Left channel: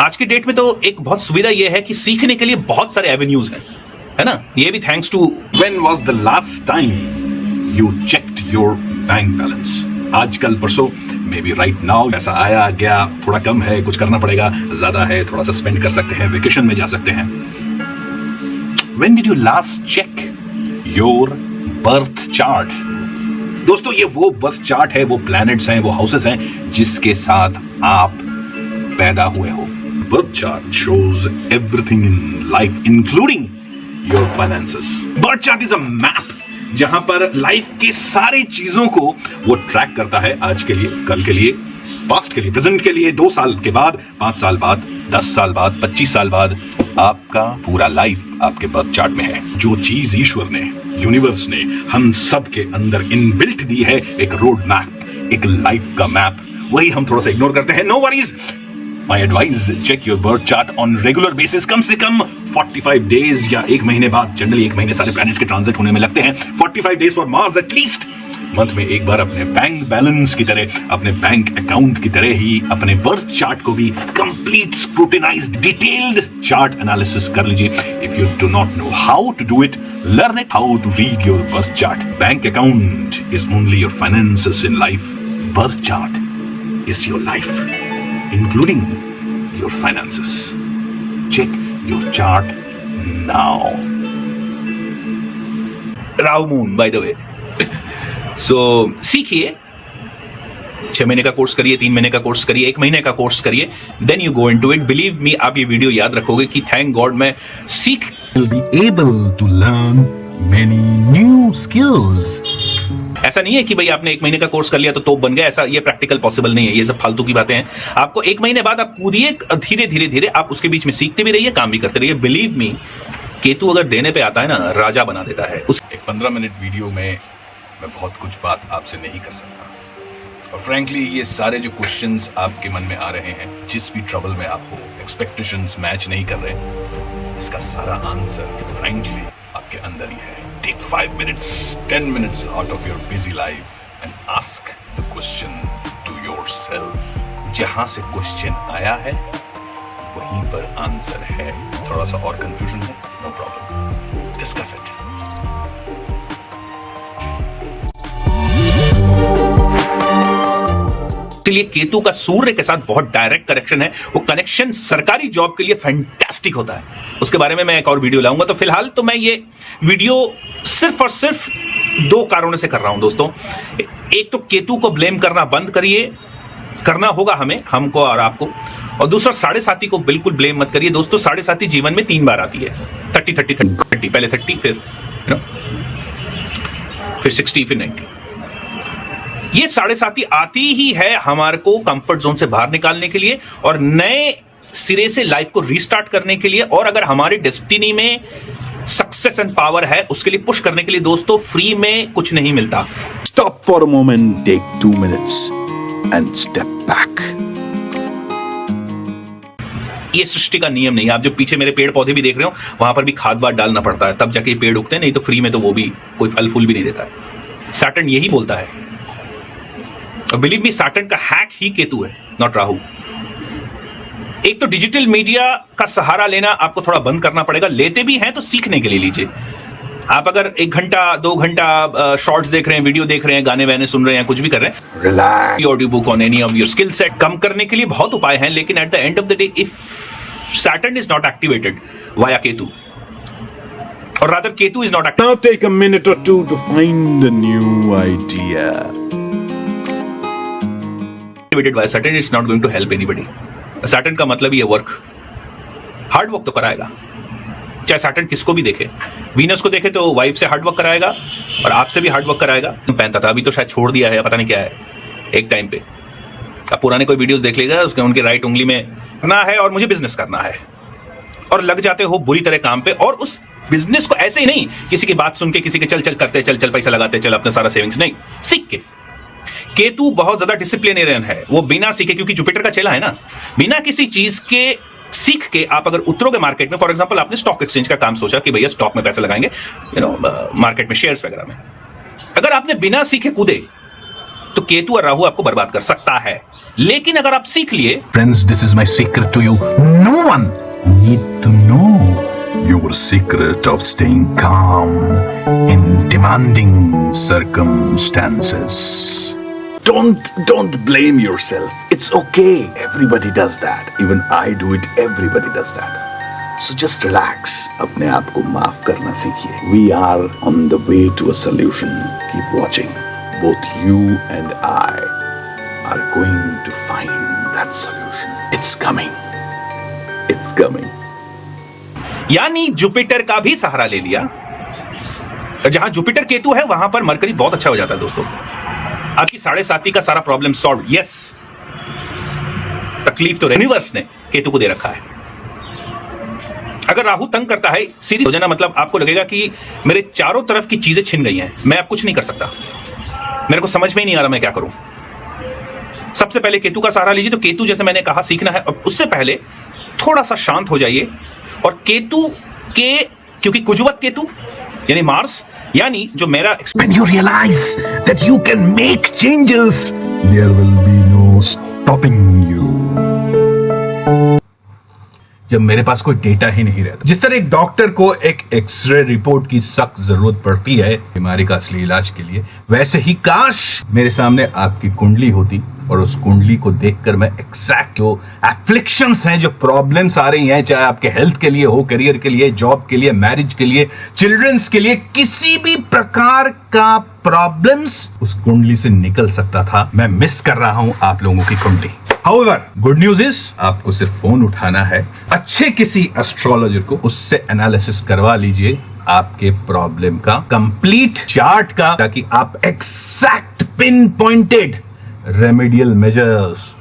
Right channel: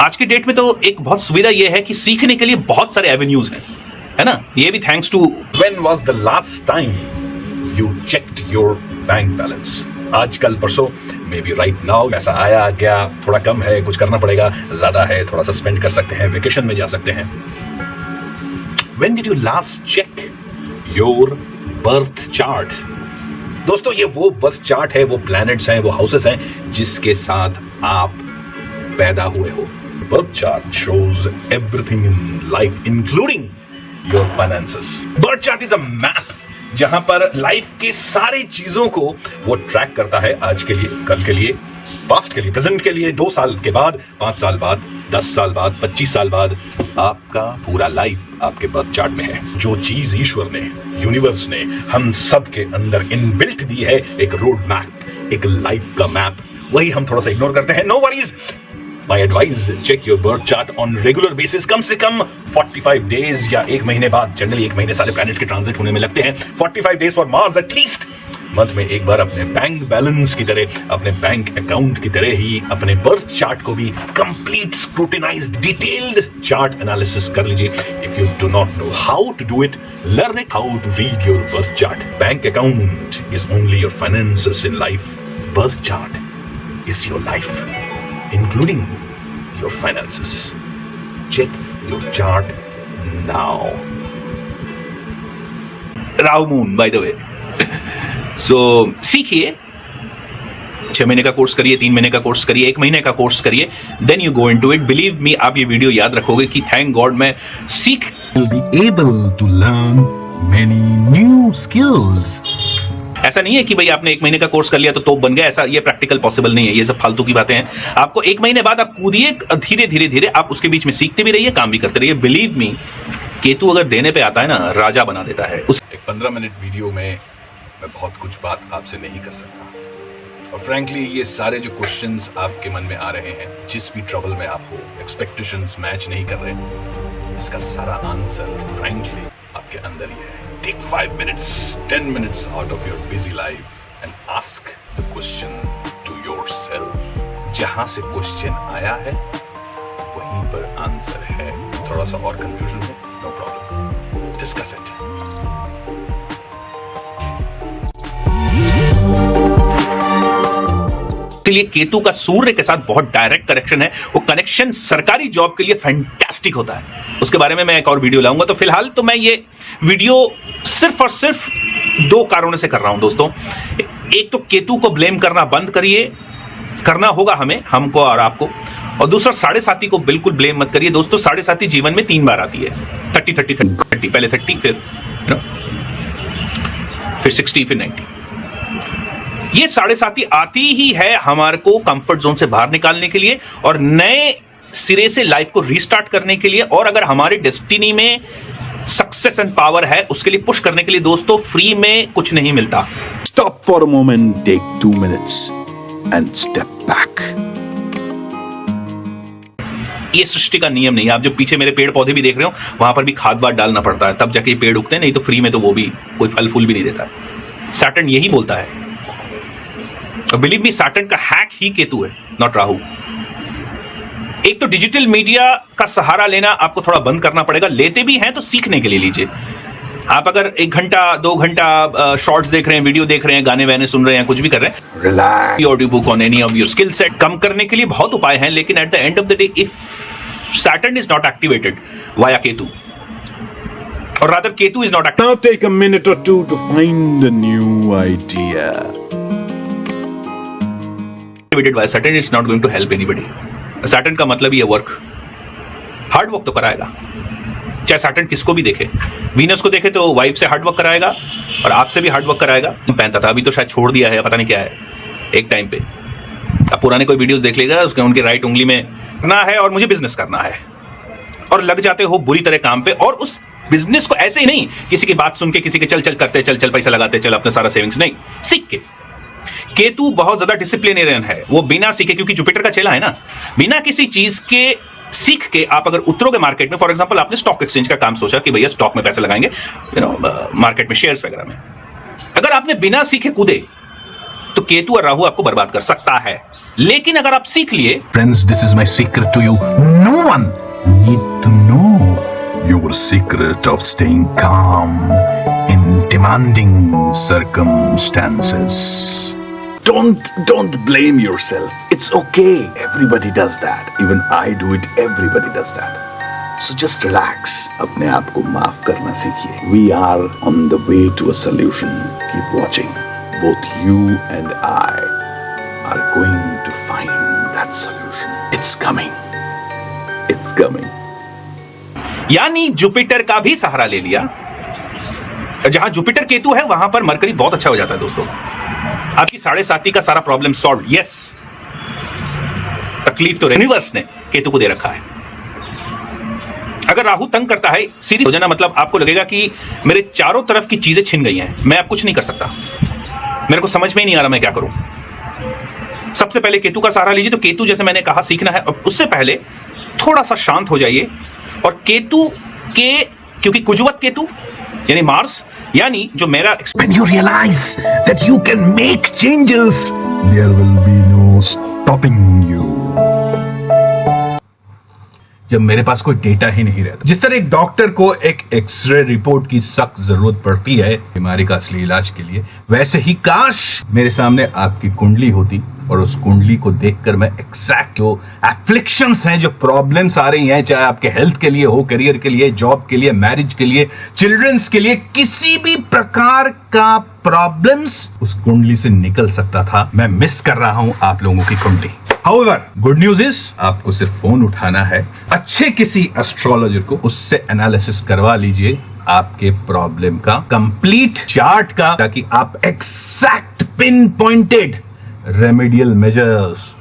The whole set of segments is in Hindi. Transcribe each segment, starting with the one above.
आज की डेट में तो एक बहुत सुविधा ये है कि सीखने के लिए बहुत सारे एवेन्यूज हैं, है ना। ये भी thanks to When was the last time you checked your bank balance? आजकल परसों, मे बी राइट नाउ, पैसा आया गया, थोड़ा कम है, कुछ करना पड़ेगा, ज्यादा है, थोड़ा सा स्पेंड कर सकते हैं, वेकेशन में जा सकते हैं. When did you last check your birth chart? दोस्तों, ये वो बर्थ चार्ट है, वो प्लैनेट्स हैं, वो हाउसेस हैं जिसके साथ आप पैदा हुए हो. Birth chart shows everything in life, including your finances. Birth chart is a map जहां पर लाइफ के सारी चीजों को वो ट्रैक करता है. आज के लिए, कल के लिए, पास्ट के लिए, प्रेजेंट के लिए, 2 साल के बाद, 5 साल बाद, 10 साल बाद, 25 साल बाद. आपका पूरा लाइफ आपके बर्थ चार्ट में है. जो चीज ईश्वर ने, यूनिवर्स ने हम सब के अंदर इनबिल्ट दी है, एक रोड मैप, एक लाइफ का मैप, वही हम थोड़ा सा इग्नोर करते हैं. No worries. My advice, check your birth chart on regular basis. कम से कम 45 days या 1 महीने बाद. जनरली 1 महीने सारे प्लैनेट्स के ट्रांजिट होने में लगते हैं. 45 days for Mars at least. Month में एक बार अपने बैंक बैलेंस की तरह, अपने बैंक अकाउंट की तरह ही अपने बर्थ चार्ट को भी complete scrutinised, detailed chart analysis कर लीजिए. If you do not know how to do it, learn it how to read your birth chart. Bank account is only your finances in life. Birth chart is your life, including your finances. Check your chart now. Rahu Moon, by the way. So, सीखिए. 6 महीने का कोर्स करिए, 3 महीने का कोर्स करिए, 1 महीने का कोर्स करिए. Then you go into it. Believe me, आप ये वीडियो याद रखोगे कि thank God मैं सीख will be able to learn many new skills. ऐसा नहीं है कि भाई आपने 1 महीने का कोर्स कर लिया तो बन गया. ऐसा, ये प्रैक्टिकल पॉसिबल नहीं है. ये सब फालतू की बातें हैं. आपको 1 महीने बाद आप कूदिए, धीरे धीरे धीरे आप उसके बीच में सीखते भी रहिए, काम भी करते रहिए. बिलीव मी, केतु अगर देने पे आता है ना, राजा बना देता है. उस एक 15 मिनट वीडियो में मैं बहुत कुछ बात आपसे नहीं कर सकता. और फ्रैंकली, ये सारे जो क्वेश्चंस आपके मन में आ रहे हैं, जिस भी ट्रबल में आप हो, एक्सपेक्टेशंस मैच नहीं कर रहे, इसका सारा आंसर फ्रैंकली आपके अंदर ही है. Take 5 minutes, 10 minutes out of your busy life and ask the question to yourself. जहां से क्वेश्चन आया है वहीं पर आंसर है. थोड़ा सा और कंफ्यूजन है, नो प्रॉब्लम, डिस्कस इट. लिए केतु का सूर्य के साथ बहुत डायरेक्ट कनेक्शन है. वो कनेक्शन सरकारी जॉब के लिए फैंटास्टिक होता है. उसके बारे में मैं एक और वीडियो लाऊंगा. तो फिलहाल तो मैं ये वीडियो सिर्फ और सिर्फ 2 कारणों से कर रहा हूं दोस्तों. एक तो केतु को ब्लेम करना बंद करिए, करना होगा हमें, हमको और आपको. और दूसरा, 7.5 को बिल्कुल ब्लेम मत करिए दोस्तों. 7.5 जीवन में 3 बार आती है. 30 30 30, पहले 30, फिर 60, फिर 90. ये 7.5 आती ही है हमारे को कंफर्ट जोन से बाहर निकालने के लिए और नए सिरे से लाइफ को रीस्टार्ट करने के लिए. और अगर हमारी डेस्टिनी में सक्सेस एंड पावर है, उसके लिए पुश करने के लिए दोस्तों फ्री में कुछ नहीं मिलता. Stop for a moment, take 2 minutes and step back. ये सृष्टि का नियम नहीं है. आप जो पीछे मेरे पेड़ पौधे भी देख रहे हो, वहां पर भी खाद वाद डालना पड़ता है, तब जाके पेड़ उगते हैं. नहीं तो फ्री में तो वो भी कोई फल फूल भी नहीं देता. सैटर्न यही बोलता है. और बिलीव मी, सैटर्न का हैक ही केतु है, नॉट राहु. एक तो डिजिटल मीडिया का सहारा लेना आपको थोड़ा बंद करना पड़ेगा. लेते भी हैं तो सीखने के लिए लीजिए. आप अगर 1 घंटा 2 घंटा शॉर्ट्स देख रहे हैं, वीडियो देख रहे हैं, गाने वाने सुन रहे हैं, कुछ भी कर रहे हैं, Relax. Audio book on any of your skill set, कम करने के लिए बहुत उपाय हैं. लेकिन at the end of the day, if Saturn is not activated via Ketu, और rather Ketu is not Now take a minute or 2 to find a new idea. activated by Saturn, it's not going to help anybody. Saturn का मतलब ही है वर्क. हार्ड वर्क तो कराएगा, चाहे सैटर्न किसको भी देखे. वीनस को देखे तो वाइफ से हार्ड वर्क कराएगा और आपसे भी हार्ड वर्क कराएगा. पहनता था, अभी तो शायद छोड़ दिया है, पता नहीं क्या है. एक टाइम पे आप पुराने कोई वीडियोस देख लीजिएगा, उसका उनके राइट उंगली में ना है और मुझे बिजनेस करना है, और लग जाते हो बुरी तरह काम पे. और उस बिजनेस को ऐसे ही नहीं, किसी की बात सुन के, किसी के चल चल करते, चल चल पैसा लगाते, चल अपना सारा सेविंग्स नहीं, सीख के. केतु बहुत ज्यादा डिसिप्लिनेरियन है. वो बिना सीखे, क्योंकि जुपिटर का चेला है ना, बिना किसी चीज के सीख के आप अगर उतरोगे मार्केट में, फॉर एग्जांपल आपने स्टॉक एक्सचेंज का काम सोचा कि भैया स्टॉक में पैसे लगाएंगे, मार्केट में शेयर्स वगैरह में, अगर आपने बिना सीखे कूदे तो केतु और राहु आपको बर्बाद कर सकता है। लेकिन अगर आप सीख लिए, Friends, this is my secret to you. No one need to know your secret of staying calm in demanding circumstances. Don't blame yourself. It's okay. Everybody does that. Even I do it. Everybody does that. So just relax. अपने आप को माफ करना सीखिए. We are on the way to a solution. Keep watching. Both you and I are going to find that solution. It's coming. It's coming. यानी जुपिटर का भी सहारा ले लिया। जहां जुपिटर केतु है वहां पर मरकरी बहुत अच्छा हो जाता है दोस्तों। आपकी 7.5 का सारा प्रॉब्लम सॉल्व। यस, तकलीफ तो यूनिवर्स ने केतु को दे रखा है। अगर राहु तंग करता है, सीधी हो जाना, मतलब आपको लगेगा कि मेरे चारों तरफ की चीजें छिन गई हैं, मैं अब कुछ नहीं कर सकता, मेरे को समझ में ही नहीं आ रहा मैं क्या करूं। सबसे पहले केतु का सहारा लीजिए। तो केतु जैसे मैंने कहा सीखना है, और उससे पहले थोड़ा सा शांत हो जाइए। और केतु के, क्योंकि कुजवत केतु यानी मार्स, यानी जो मेरा When you realize that you can make changes, there will be no stopping you. जब मेरे पास कोई डेटा ही नहीं रहता, जिस तरह एक डॉक्टर को एक एक्सरे रिपोर्ट की सख्त जरूरत पड़ती है बीमारी का असली इलाज के लिए, वैसे ही काश मेरे सामने आपकी कुंडली होती और उस कुंडली को देखकर मैं एग्जैक्ट जो एफ्लिक्शंस हैं, जो प्रॉब्लम्स आ रही हैं, चाहे आपके हेल्थ के लिए हो, करियर के लिए, जॉब के लिए, मैरिज के लिए, चिल्ड्रंस के लिए, किसी भी प्रकार का प्रॉब्लम्स उस कुंडली से निकल सकता था। मैं मिस कर रहा हूं आप लोगों की कुंडली। However, गुड न्यूज इज आपको सिर्फ फोन उठाना है, अच्छे किसी एस्ट्रोलॉजर को, उससे एनालिसिस करवा लीजिए आपके प्रॉब्लम का कंप्लीट चार्ट का, ताकि आप exact pin pointed remedial measures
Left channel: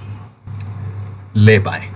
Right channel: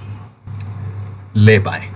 ले पाए।